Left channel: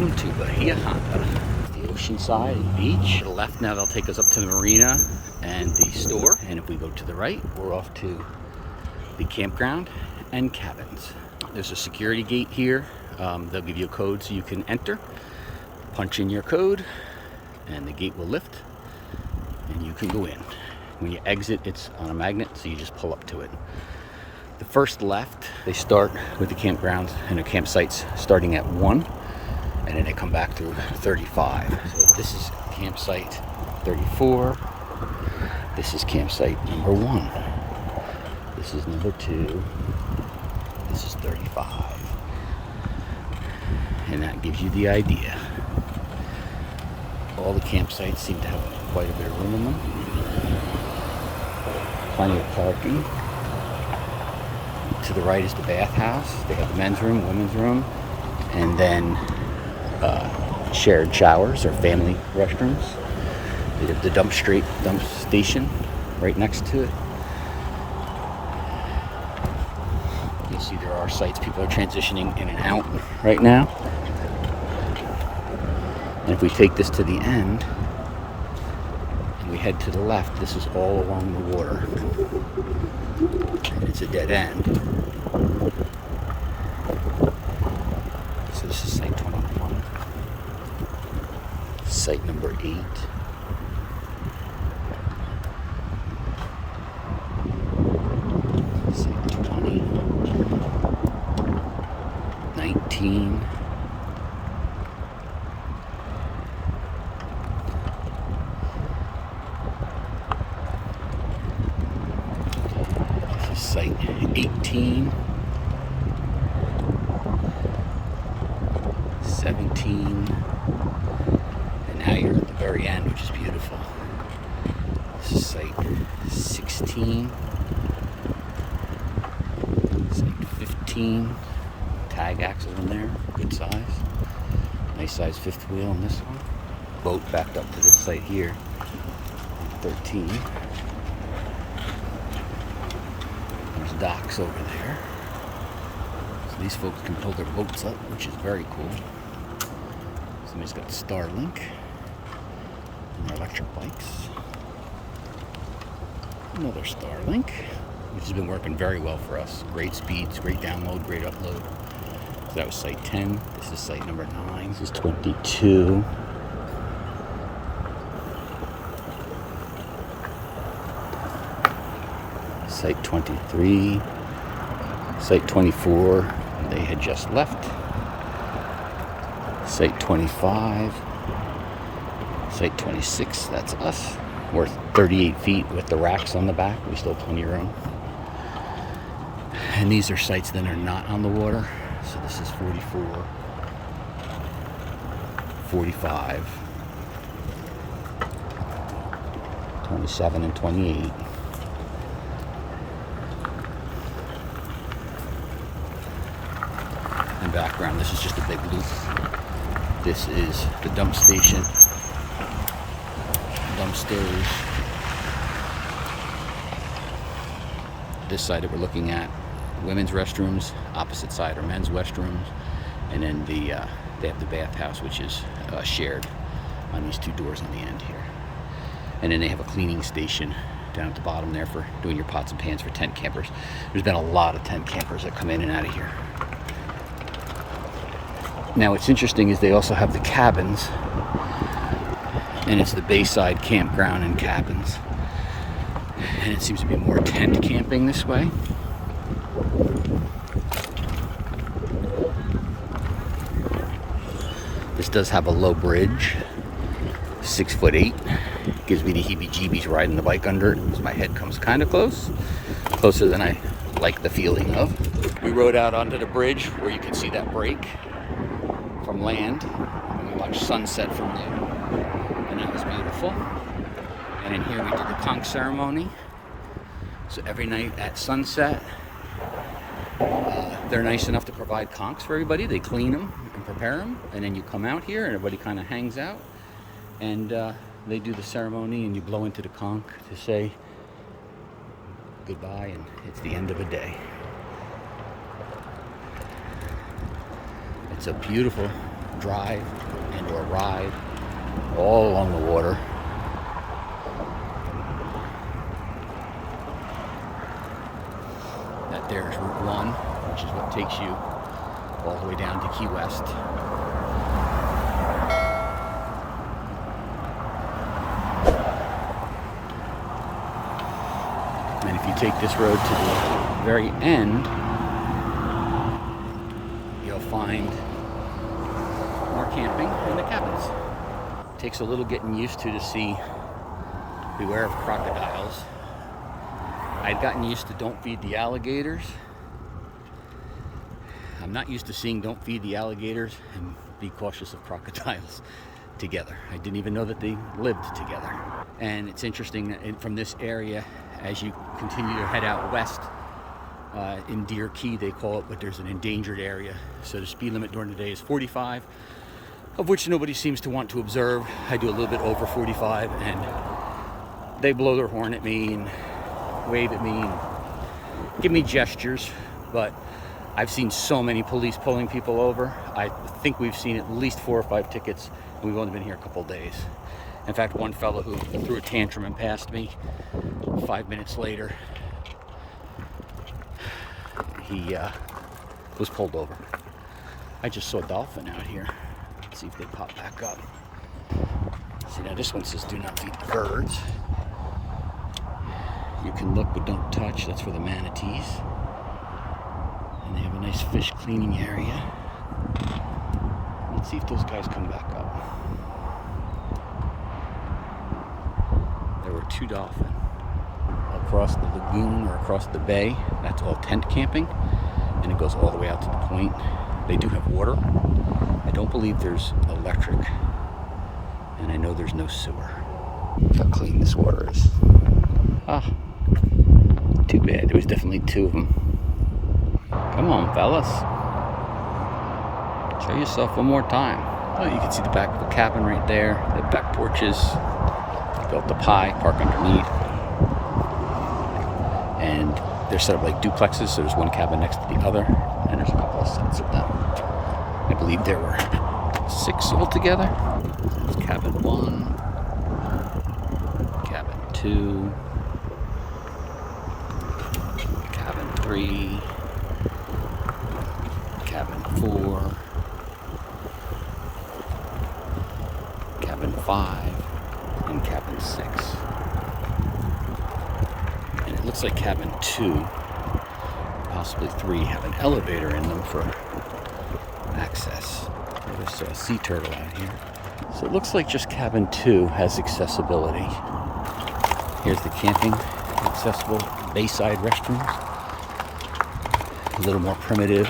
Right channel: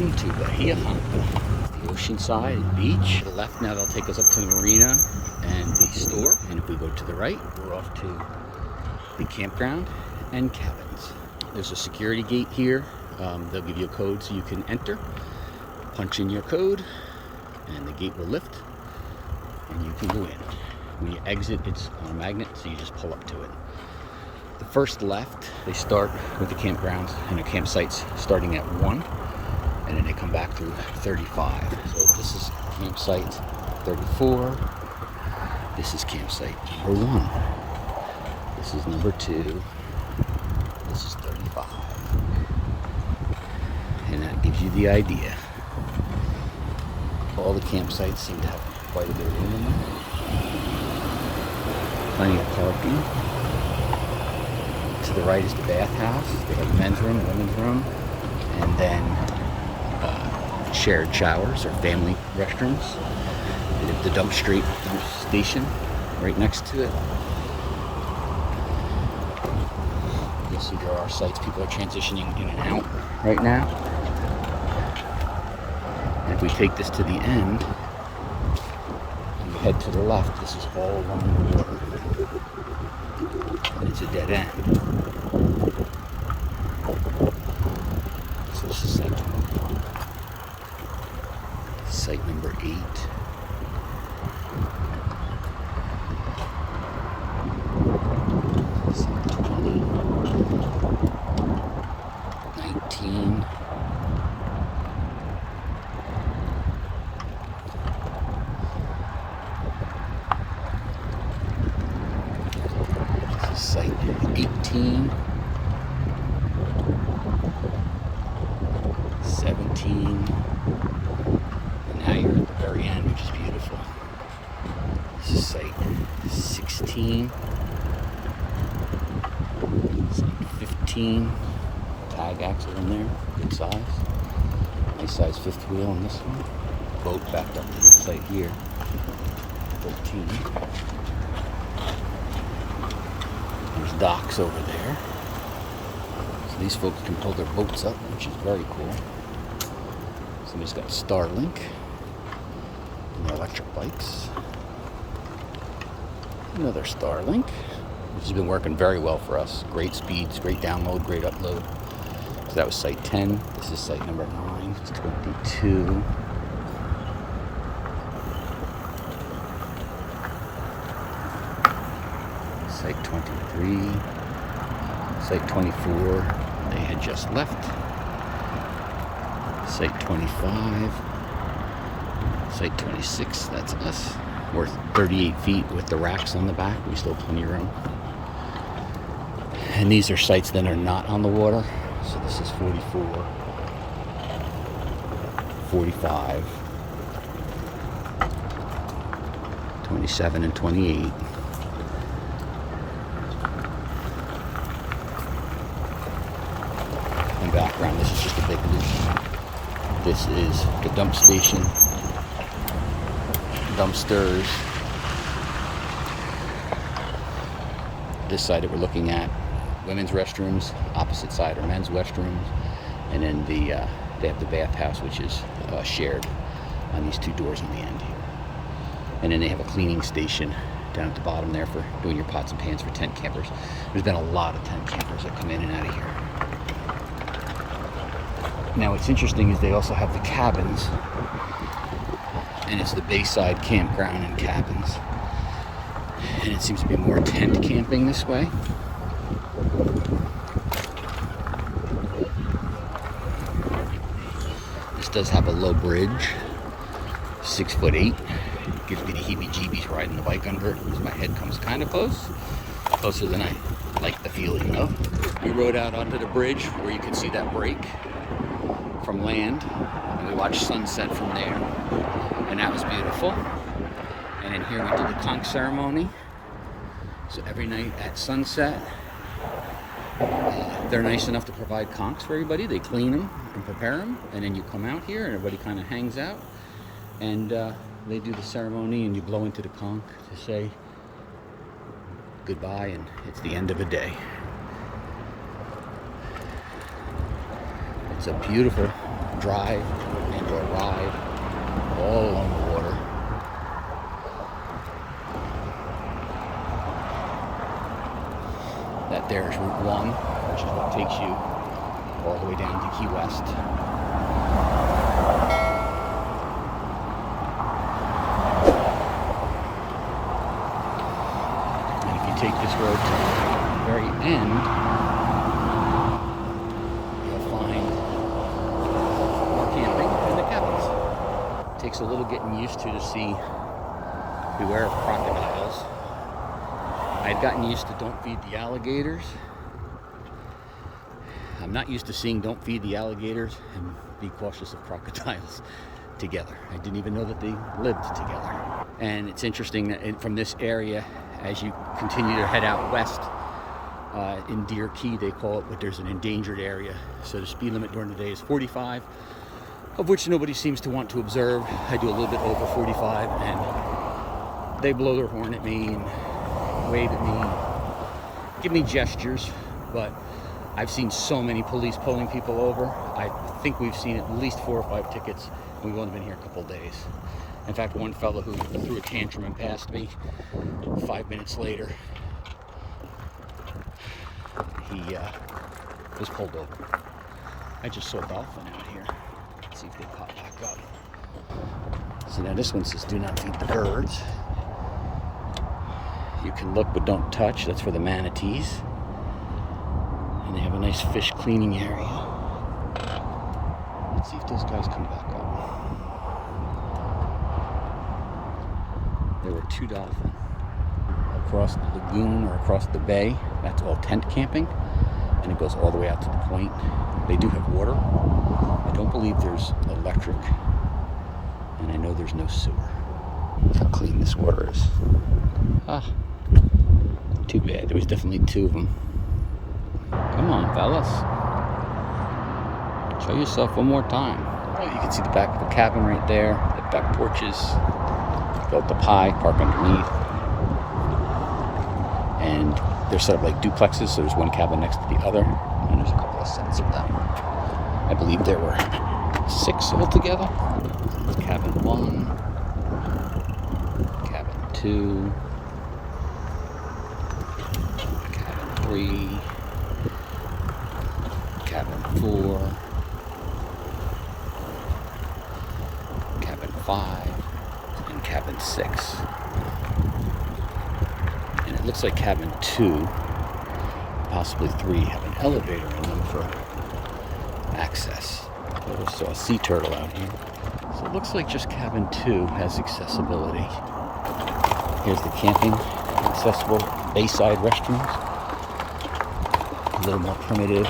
welcome to Bahia Honda. It's the oceanside beach. To the left now, that'll take us up to the Marina and the store. And if we go to the right, we're off to the campground and cabins. There's a security gate here. They'll give you a code so you can enter. Punch in your code and the gate will lift and you can go in. When you exit, it's on a magnet, so you just pull up to it. The first left, they start with the campgrounds and the campsites starting at 1, and then they come back to 35. So this is campsite 34. This is campsite number 1. This is number 2. This is 35. And that gives you the idea. All the campsites seem to have quite a bit of room in them. Plenty of parking. To the right is the bathhouse. They have men's room, women's room, and then shared showers or family restrooms. There's the dump station right next to it. You'll see there are sites people are transitioning in and out right now. And if we take this to the end and we head to the left, this is all along the water. And it's a dead end. So this is site 21. Site number 8. Site 20. 19. This is site 18. 17, and now you're at the very end, which is beautiful. This is site 16, site 15, tag axle in there, good size, nice size fifth wheel on this one. Boat backed up to this site here, 13. There's docks over there. So these folks can pull their boats up, which is very cool. Somebody's got Starlink and their electric bikes. Another Starlink, which has been working very well for us. Great speeds, great download, great upload. So that was site 10. This is site number 9. This is 22. Site 23. Site 24. They had just left. Site 25, site 26, that's us. We're 38 feet with the racks on the back. We still have plenty of room. And these are sites that are not on the water. So this is 44, 45, 27, and 28. And background, this is just a big loop. This is the dump station, dumpsters. This side that we're looking at, women's restrooms. Opposite side are men's restrooms. And then they have the bathhouse, which is shared on these 2 doors on the end here. And then they have a cleaning station down at the bottom there for doing your pots and pans for tent campers. There's been a lot of tent campers that come in and out of here. Now what's interesting is they also have the cabins, and it's the Bayside campground and cabins, and it seems to be more tent camping this way. This does have a low bridge, 6'8". Gives me the heebie-jeebies riding the bike under it, so my head comes kind of closer than I like the feeling of. We rode out onto the bridge where you can see that break from land, and we watched sunset from there, and that was beautiful. And in here we did the conch ceremony. So every night at sunset, they're nice enough to provide conchs for everybody. They clean them and prepare them, and then you come out here and everybody kind of hangs out, and they do the ceremony, and you blow into the conch to say goodbye, and it's the end of a day. It's a beautiful drive and or ride all along the water. That there's Route 1, which is what takes you all the way down to Key West. And if you take this road to the very end, you'll find more camping in the cabins. It takes a little getting used to see, beware of crocodiles. I'd gotten used to don't feed the alligators. I'm not used to seeing don't feed the alligators and be cautious of crocodiles together. I didn't even know that they lived together. And it's interesting that from this area, as you continue to head out west, in Deer Key they call it, but there's an endangered area. So the speed limit during the day is 45, of which nobody seems to want to observe. I do a little bit over 45 and they blow their horn at me and wave at me and give me gestures, but I've seen so many police pulling people over. I think we've seen at least 4 or 5 tickets. We've only been here a couple days. In fact, one fellow who threw a tantrum and passed me 5 minutes later, he was pulled over. I just saw a dolphin out here. Let's see if they pop back up. See, now this one says do not feed the birds. You can look but don't touch. That's for the manatees. And they have a nice fish cleaning area. Let's see if those guys come back up. There were 2 dolphins. Across the lagoon or across the bay, that's all tent camping. And it goes all the way out to the point. They do have water. I don't believe there's electric. And I know there's no sewer. Look how clean this water is. Ah. Too bad. There was definitely 2 of them. Come on, fellas. Show yourself one more time. Oh, you can see the back of the cabin right there. They have back porches. Built up high, park underneath. And they're set up like duplexes, so there's one cabin next to the other. And there's a couple of sets of them. I believe there were 6 altogether. There's cabin 1, cabin 2, 3, cabin 4, cabin 5, and cabin 6. And it looks like cabin 2, possibly 3, have an elevator in them for access. I just saw a sea turtle out here. So it looks like just cabin 2 has accessibility. Here's the camping accessible bayside restrooms. A little more primitive.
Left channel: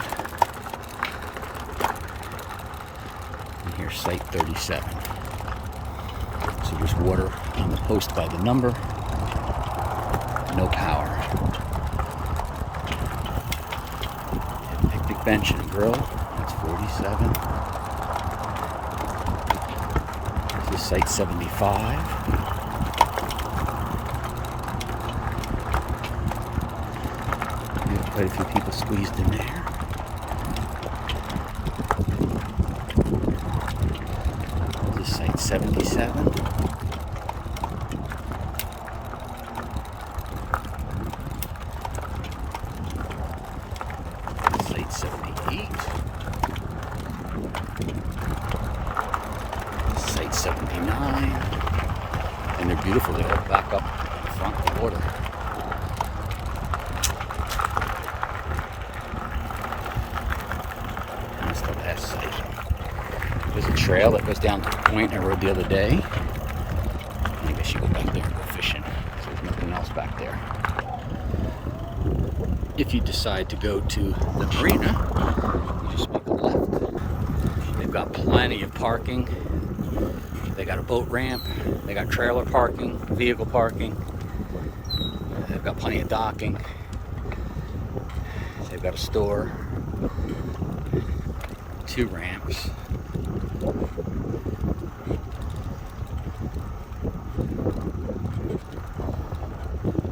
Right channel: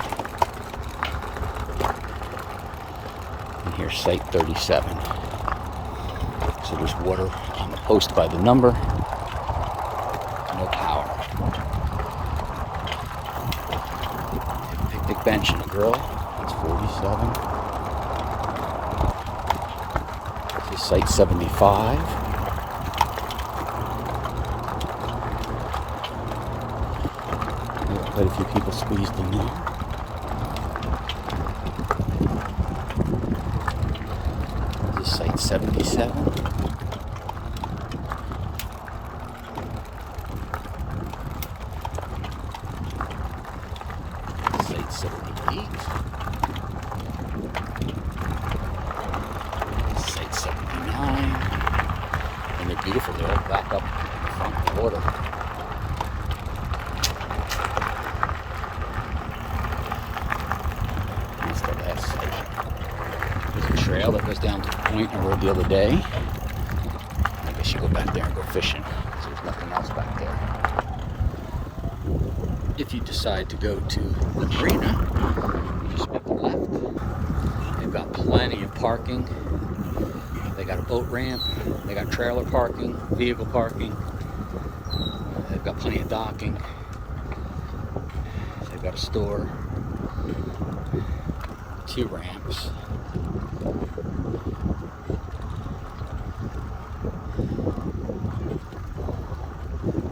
And here's site 37. So there's water on the post by the number. No power. A picnic bench and a grill. That's 47. This is site 75. Quite a few people squeezed in there. This is site 77. Site 78. Site 79. And they're beautiful. They all back up in front of the water. Last site. There's a trail that goes down to the point I rode the other day. And I guess you go back there and go fishing. So there's nothing else back there. If you decide to go to the Marina, just make a left. They've got plenty of parking. They got a boat ramp. They got trailer parking, vehicle parking. They've got plenty of docking. They've got a store. 2 ramps.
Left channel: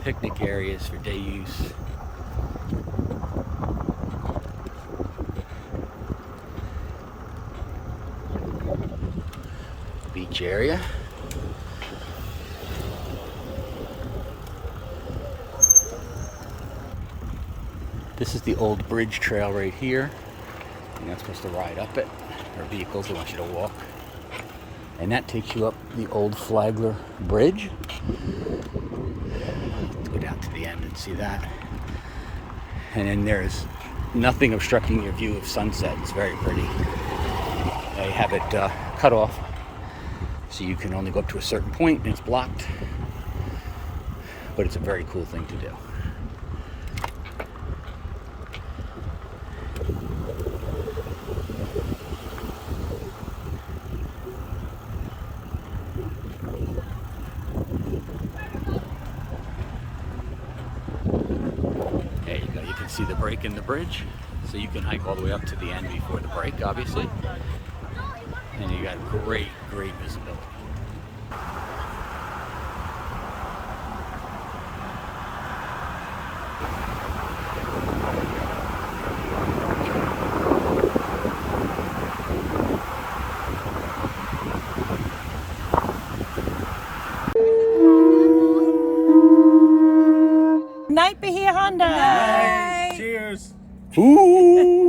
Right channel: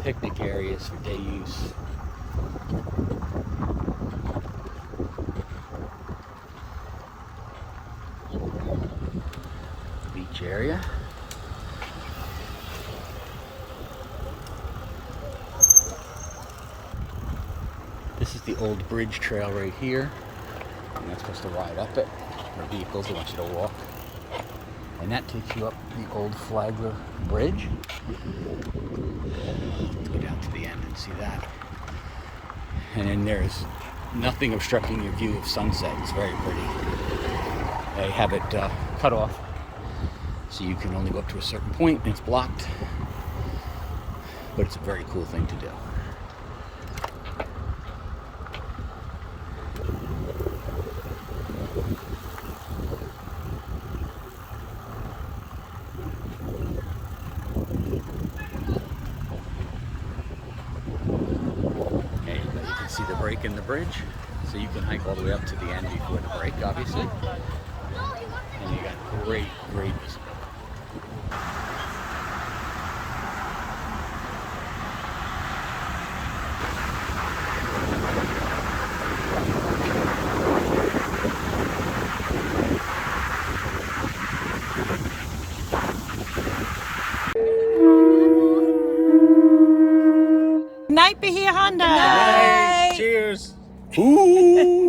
Picnic areas for day use. beach area. This is the old bridge trail right here. You're not supposed to ride up it. The vehicles, they want you to walk. And that takes you up the old Flagler Bridge. Let's go down to the end and see that. And then there's nothing obstructing your view of sunset. It's very pretty. They have it cut off, so you can only go up to a certain point and it's blocked. But it's a very cool thing to do. You can see the break in the bridge, so you can hike all the way up to the end before the break, obviously. And you got great visibility. Night, Bahia Honda. Night. Cheers. Ooh.